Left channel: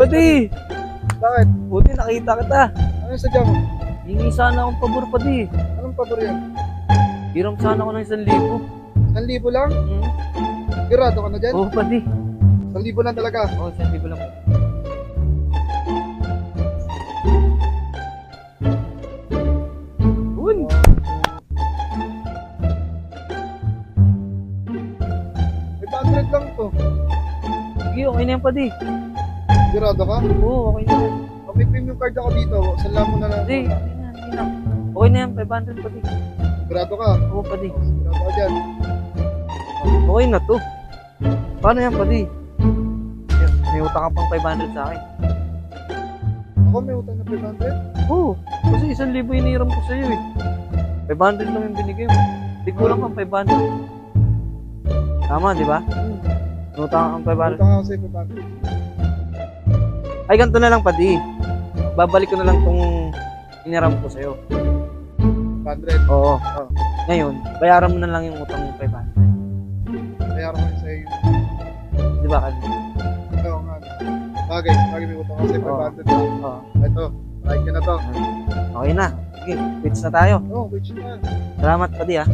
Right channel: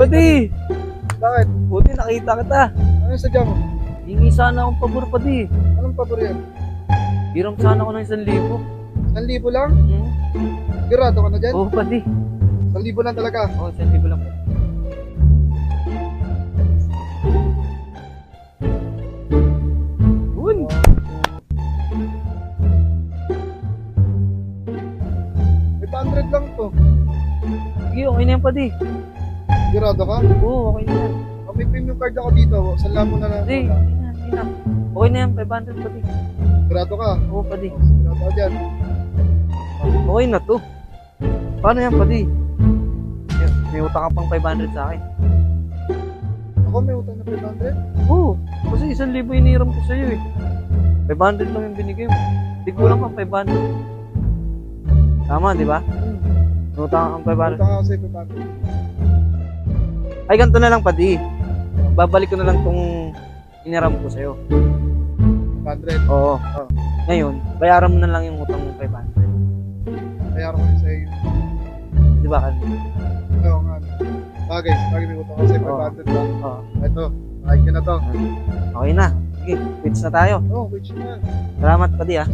Padi, Bakit? buti nakita kita. Ano yung sadya mo? Hingi sana akong pabor, Padi. Anong pabor yan? Hiram sana ako ng 1,000. 1,000 lang? Hmm? Sigurado ka na dyan? Oo, Padi. 1,000 lang talaga. Oo, 1,000 lang. Yun. 500 lang to. Sige, okay na yan, Padi. Sigurado ka? Oo, okay na yan. Pag may premium card ako dito, sala mo na lang. Hindi, okay na, hindi na. Okay na yan, 500, Padi. Sigurado ka? Oo, Padi. Sigurado ka dyan. Okay na to. Paano yan, Padi? May utang ka pang 500 sa akin. Ako may utang na 500? Oo, kasi 1,000 iniram ko sa'yo eh. 500 lang yung binigay mo. Di kulang kang 500. Tama, di ba? May utang kang 500. Utang ako sa'yo 500. Ay, ganito na lang, Padi. Babalik ko na lang tong iniram ko sa'yo. 500. Oo. Oh. Ngayon, bayaran mo na lang yung utang mo 500. Kaya ako yun sa'yo yung... Di ba, Kasi? Oo nga. Bagay may utang ako sa'yo 500 ba? Oo. Ito, kahit ka na to. Okay na. Sige, quits na tayo. Oo, which na. Salamat, Padi ah.